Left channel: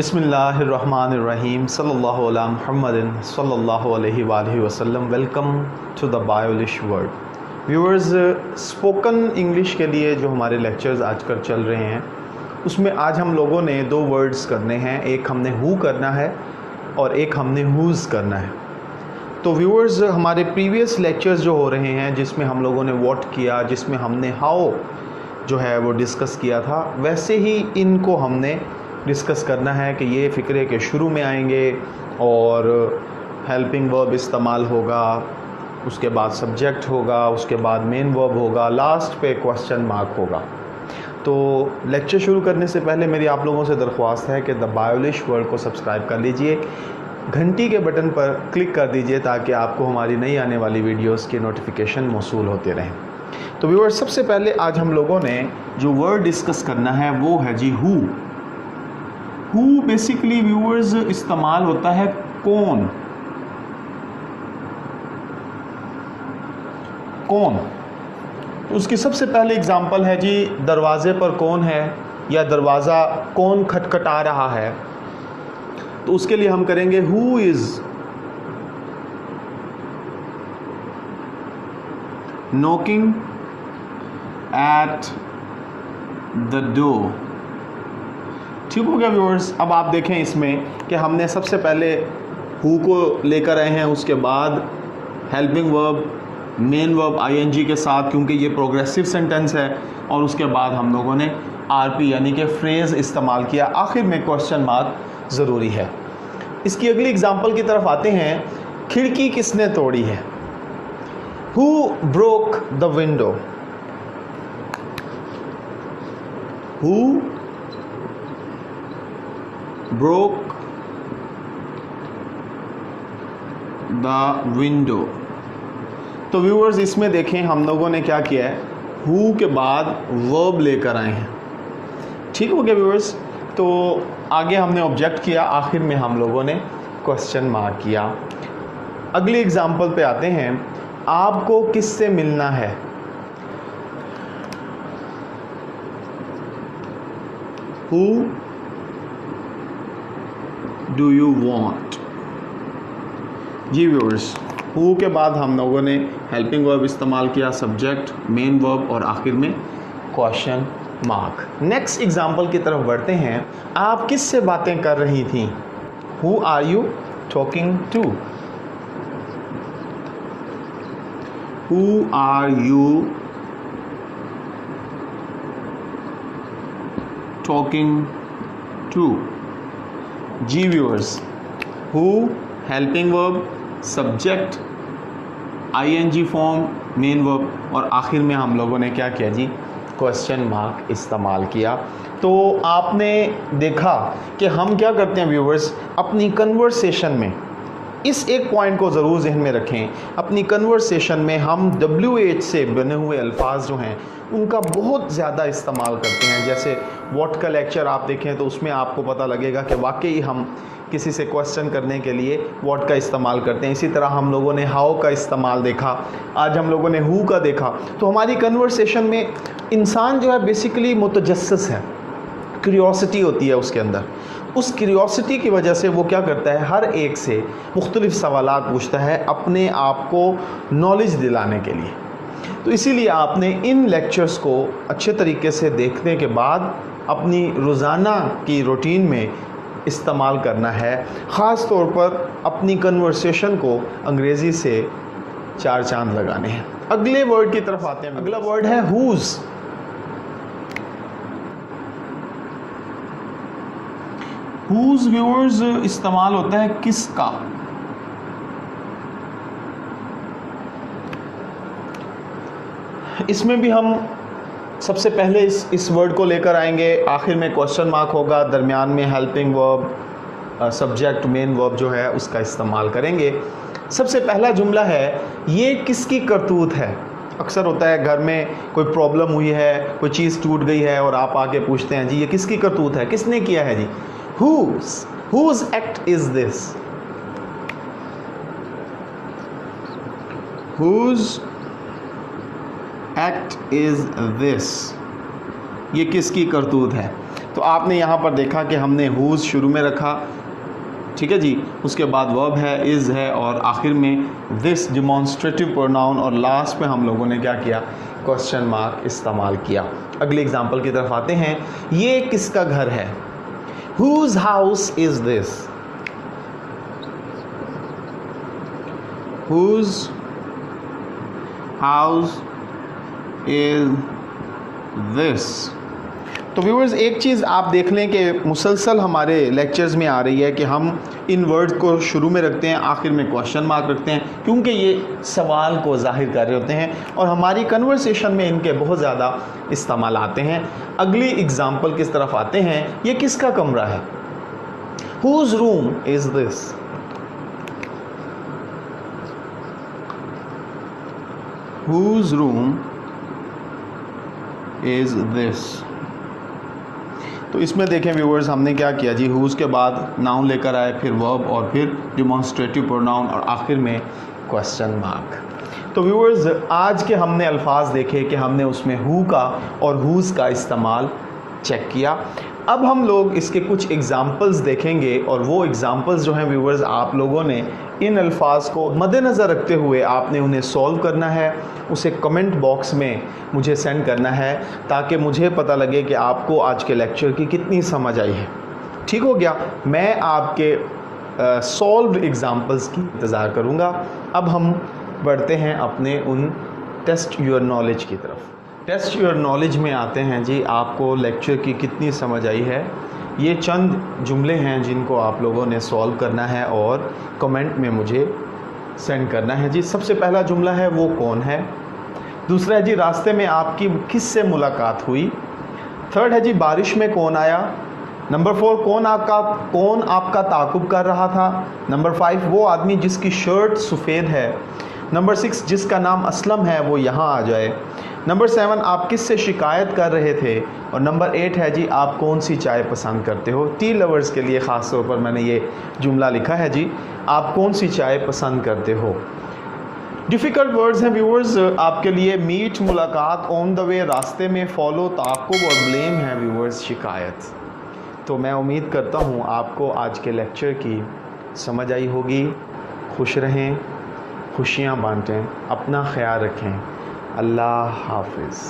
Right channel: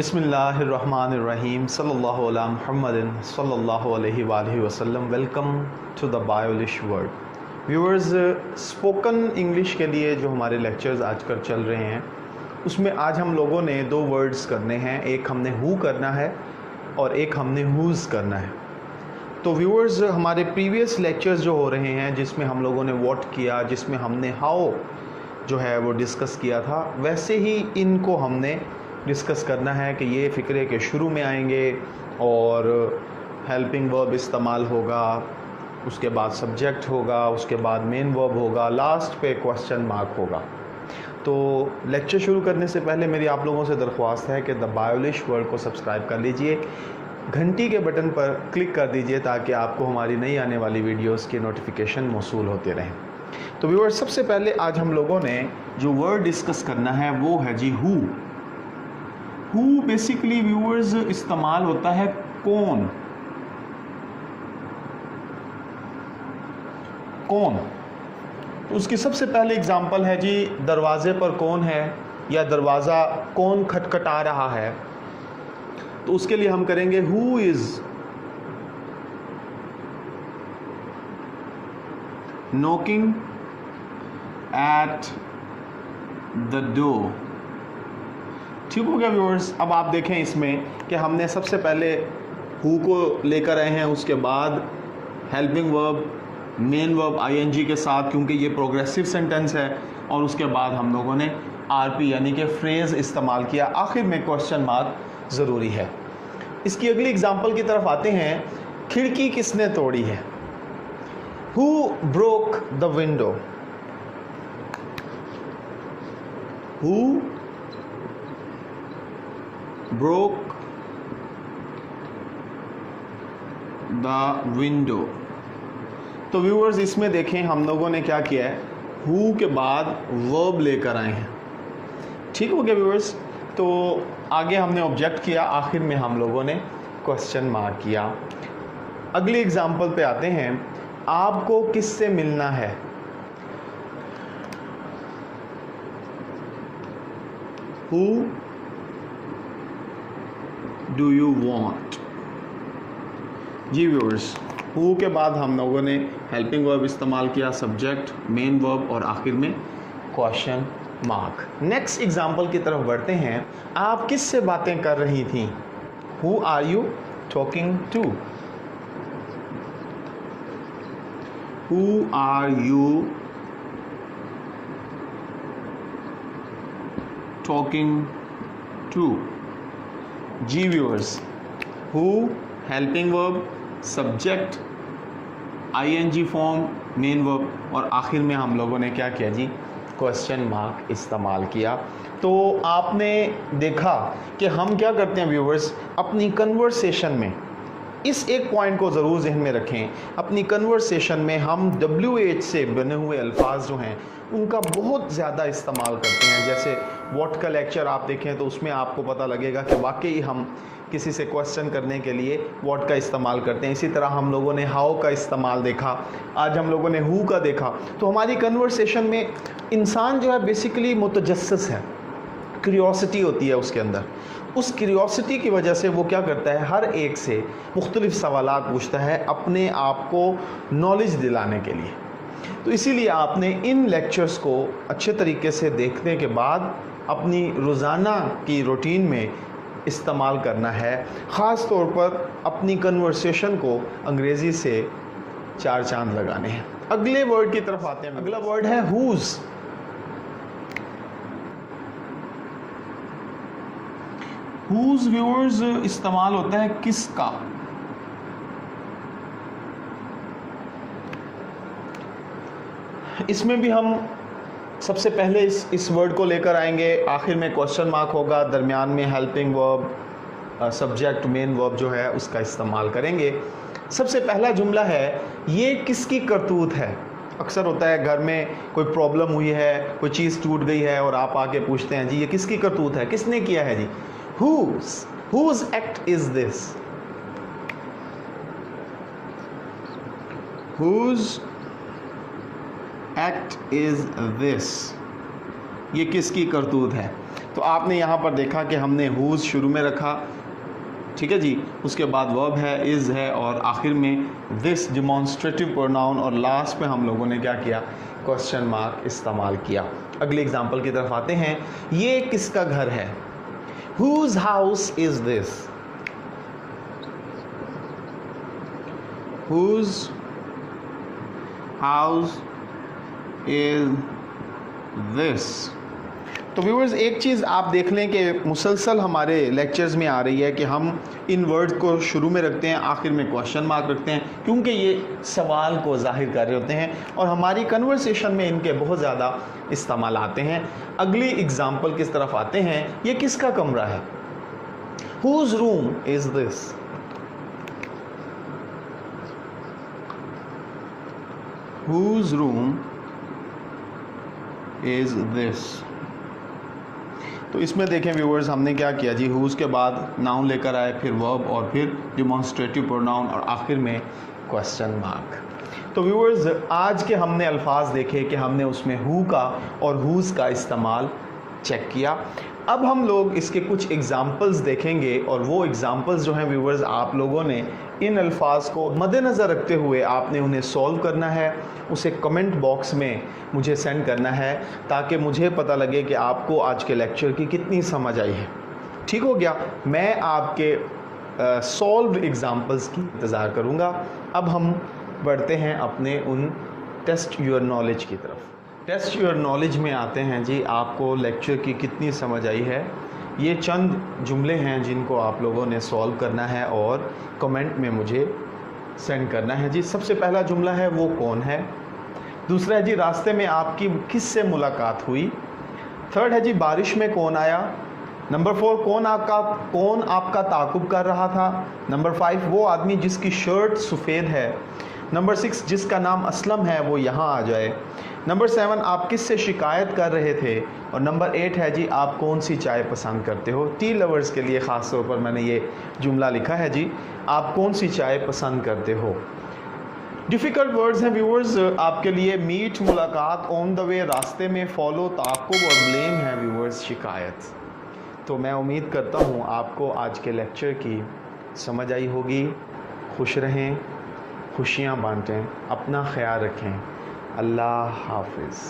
बिस्मिल्लाहिर्रहमानिर्रहीम सल्लल्लाहु अला मुहम्मदिन सल्लल्लाहु अलैहि वसल्लम। वेलकम टू द बायोलिश वर्ल्ड। व्यूअर्स, स्पोकन इंग्लिश के लिए जो हमारे लेक्चर्स आजकल चल रहे हैं उसमें आज हम लोगों ने दो वर्ड्स करने हैं। एक हमने हु करना है और एक हमने हुज़ करना है। तो व्यूअर्स, हमारे प्रीवियस लेक्चर्स जो हो रहे हैं जिसमें हम लोगों ने व्हाट किया, जिसमें हमने हाउ जो है वो डिस्कस किया था, वैसे ही इनको हमने डिस्कस करना है कि ये फ़िक्रे के शुरू में आएंगे और हेल्पिंग वर्ब इस्तेमाल होगा, उसके बाद सब्जेक्ट होगा, उसके बाद मेन वर्ब होगा, लास्ट पे क्वेश्चन मार्क होगा। तो लेक्चर शुरू करने से पहले मेरी आप लोगों से दरख्वास्त है कि द बायोलिश वर्ल्ड को सब्सक्राइब कर लीजिए, घंटी के बटन पर क्लिक कर दीजिए ताकि आपको हमारी नई आने वाली वीडियोस की नोटिफिकेशन मौसूल होते रहें। तो व्यूअर्स, सबसे पहले आज हम लोगों ने जो वर्ड डिस्कस करना है वो है जी हु। हु बेसिकली व्यूअर्स इस्तेमाल होता है कौन। कौन, तो उसकी सबसे पहले एग्जांपल है जी दरवाजे पर कौन है या दरवाज़ा कौन खटखटा रहा है। तो उसके लिए हम करेंगे who is knocking at the door. ठीक हो गया व्यूअर्स। अब आप देखें इसमें कि हमने सबसे पहले हु को लेकर आए हैं, उसके बाद helping verb, main verb ING के साथ, क्योंकि ये प्रोग्रेसिव सेंटेंस है, और उसके बाद हम लोगों ने आरपी यानी कि फ्रेज इस्तेमाल किया। आखिर में क्वेश्चन मार्क ज़रूरी है। इसकी अगली एग्जांपल की तरफ आते हैं। खिड़की किसने तोड़ी है? Who broke the window. Who broke the window। तो व्यूअर्स, इसमें देखें हम लोगों ने क्या किया है, हु के बाद वर्ब लेकर आए हैं। ठीक हो गया व्यूअर्स। तो आगे हमने ऑब्जेक्ट किया, आखिर में हम लोगों ने क्वेश्चन मार्क किया। अगली एग्जांपल पे आते हैं। आपको किससे मिलना है? Who do you want. जी व्यूअर्स, हु के बाद हम लोगों ने हेल्पिंग वर्ब इस्तेमाल किया, सब्जेक्ट, मेन वर्ब और आखिर में क्वेश्चन मार्क। नेक्स्ट एग्जांपल की तरफ बढ़ते हैं। आप किससे बातें कर रही थी? Who are you talking to. Who are you talking to. जी viewers, who helping verb, subject, ING form, main verb और आखिर में हम लोगों ने क्या किया जी, क्वेश्चन मार्क इस्तेमाल किया। तो आपने देखा कि हम क्या करते हैं व्यूअर्स, अपनी कन्वर्सेशन में इस एक पॉइंट को ज़रूर जहन में रखें। अपनी कन्वर्सेशन में हम WH से बने हुए अल्फाज जो हैं उनका बहुत ज़्यादा इस्तेमाल करते हैं। जैसे व्हाट का लेक्चर आप देखें तो उसमें आपको पता लगेगा कि वाकई हम किसी से क्वेश्चन करने के लिए व्हाट का इस्तेमाल करते हैं। इसी तरह हम लोगों ने हाउ का इस्तेमाल देखा, आज हम लोगों ने हु का देखा। तो हमारी कन्वर्सेशन में इंसान जो है बेसिकली मुतजस्सिस है, क्यूरियोसिटी होती है उसके अंदर। उस क्यूरियोसिटी की वजह से वो क्या करता है, हर एक से मुख्तलिफ सवालात पूछता है अपने आप को नॉलेज दिलाने के लिए। तो इसीलिए आपने इन लेक्चर्स को अच्छे तरीके से देखने के बाद अपनी रोज़ाना की रूटीन में इस्तेमाल करना है। ख़ास तौर पर अपनी कन्वर्सेशन को अंग्रेज़ी से 4 चांद लगाने हैं। अगले वर्ड की तरफ आते हैं। अगला वर्ड है हुज़। हुज़ व्यूअर्स इस्तेमाल होता है किसका। इसमें भी हम सबसे पहले इस वर्ड को लेकर आएंगे, आखिर में क्वेश्चन मार्क होगा, दरमियान में helping verb, subject, main verb जो है उसका इस्तेमाल करेंगे। सबसे पहला जुमला है, ये किसकी करतूत है। अक्सर होता है घर में कोई प्रॉब्लम हुई है, कोई चीज़ टूट गई है और आप आके पूछते हैं जी ये किसकी करतूत है, किसने किया है जी। whose act is this। whose act is this, ये किसकी करतूत है। तो आपने यहाँ पर देखा कि हमने whose शुरू में रखा, ठीक है जी, उसके बाद वर्ब है, इज़ है और आखिर में दिस डिमॉन्स्ट्रेटिव प्रोनाउन और लास्ट पे हम लोगों ने क्या किया, क्वेश्चन मार्क इस्तेमाल किया। अगले एग्जाम्पल की तरफ आते हैं। ये किसका घर है? Whose house is this? Whose house is this? तो व्यूअर्स एक चीज़ आप देख लें कि मुसलसल हमारे लेक्चर्स में आ रही है कि हम इन वर्ड्स को शुरू में रखते हैं, आखिर में क्वेश्चन मार्क रखते हैं, क्योंकि ये सवाल को जाहिर कर रहे होते हैं और हमारी कन्वर्सेशन में इनके बहुत ज़्यादा इस्तेमाल आते हैं। अगली एग्जाम्पल किस तरफ आते हैं। ये किसका कमरा है? Whose room is this? Whose room is this? तो इसमें देखें व्यूअर्स हमने क्या किया जी, whose के बाद नाउन लेकर आए, फिर वर्ब और फिर डिमॉन्स्ट्रेटिव प्रोनाउन और आखिर में क्वेश्चन मार्क। तो व्यूअर्स आज के हमने अल्फाज देखे कि हमने उसमें who का और whose का इस्तेमाल चेक किया। अब हम लोग इसके कुछ एग्जाम्पल्स देखेंगे और वो एग्जाम्पल्स जो हैं व्यूअर्स आप लोगों ने इन अल्फाज को मद्देनज़र रखते हुए आपने उन्हें सॉल्व करना है, उसे कमेंट बॉक्स में मुझे सेंड करना है ताकि मुझे पता लगे कि आपको आज के लेक्चर की कितनी समझ आई है। ठीक हो गया? मैं आपके सॉल्व एग्जाम्पल्स की इंतज़ार करूँगा। अब हम बढ़ते हैं अपने उन टेस्ट योर नॉलेज की तरफ। टेस्ट योर नॉलेज में आते हैं जी, आपको लेक्चर की कितनी समझ आई है। ये चंद जुमले हैं जिनको आप लोगों ने सॉल्व करना है और कमेंट में मुझे सेंड करना है जी। सबसे पहला जुमला है वो कौन है। दूसरा है जी रास्ते में आपकी किससे मुलाकात हुई। थर्ड है जी बारिश में कौन आया। नंबर 4 कौन आपका ताक़ुब कर रहा था। नंबर 5 वो आदमी जिसकी शर्ट सफ़ेद है। नंबर 6 जिसका नाम असलम है वो यहाँ आ जाए। नंबर 7 आप किससे शिकायत कर रहे थे। और नंबर 8 है जी आप कौन सी चाय पसंद करते हो। टी लवर्स के लिए ख़ास तौर पर मैंने ये जुमला लिखा है जी, आप कौन सी चाय पसंद करते हो। डिफ़िकल्ट वर्ड्स हैं व्यूअर्स आपके लिए। मीट मुलाकात, ऑन द वे रास्ते में, फॉलो ताक़ुब और ब्लेम है व्यूअर्स शिकायत। तो मैं उम्मीद करता हूँ आपको आज के लेक्चर की समझ आई होगी। खुश रहें, खुशियाँ बांटें, अपना ख्याल रखें। अल्लाह हाफिज़।